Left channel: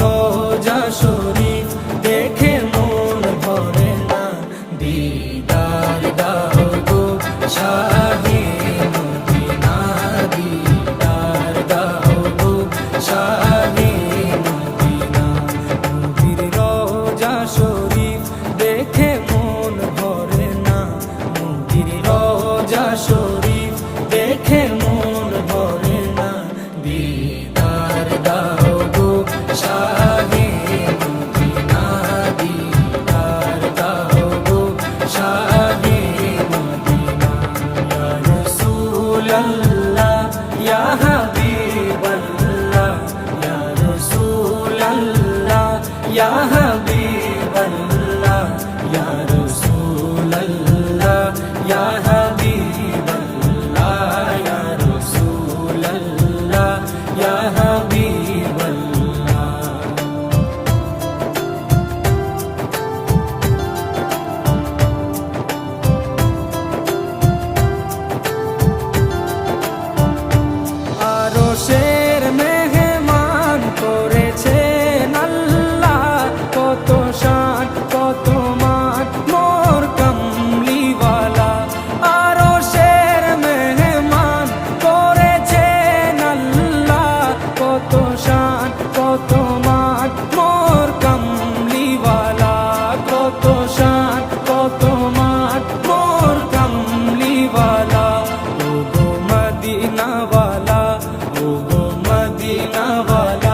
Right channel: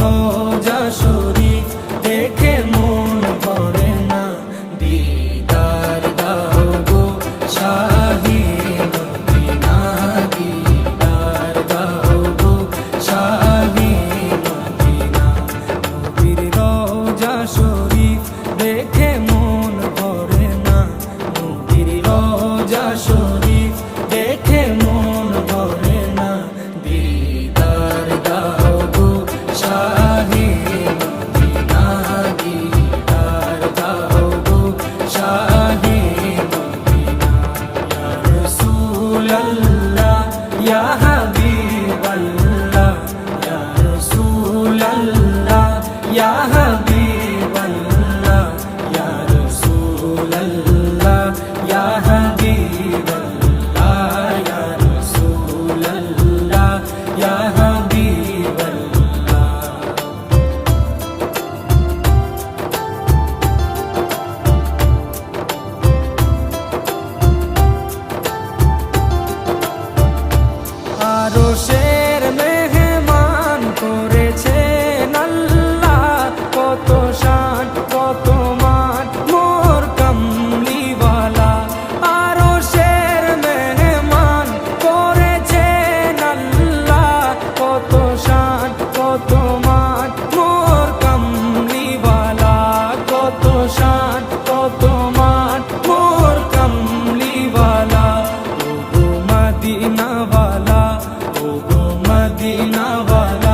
রোজা শরীফ দেখে মন ভরে না, দিদার দাও গো শাহে মদিনা, দিদার দাও গো শাহে মদিনা। নবীর রোজা শরীফ দেখে মন ভরে না, নবীর রোজা শরীফ দেখে মন ভরে না, দিদার দাও গো শাহে মদিনা, দিদার দাও গো শাহে মদিনা। ইয়া রাসূলাল্লাহ ইয়া হাবিবাল্লাহ, ইয়া রাসূলাল্লাহ ইয়া হাবিবাল্লাহ, ইয়া রাসূলাল্লাহ ইয়া হাবিবাল্লাহ, ইয়া রাসূলাল্লাহ ইয়া হাবিবাল্লাহ। আরশের মেহমান করেছেন আল্লাহ, কত শান কত মান মোর কামলিওয়ালা। আরশের মেহমান করেছেন আল্লাহ, কত শান কত মান মোর কামলিওয়ালা, কত শান কত মান মোর কামলিওয়ালা। ও গো মদিনাওয়ালা, ও গো মদিনাওয়ালা,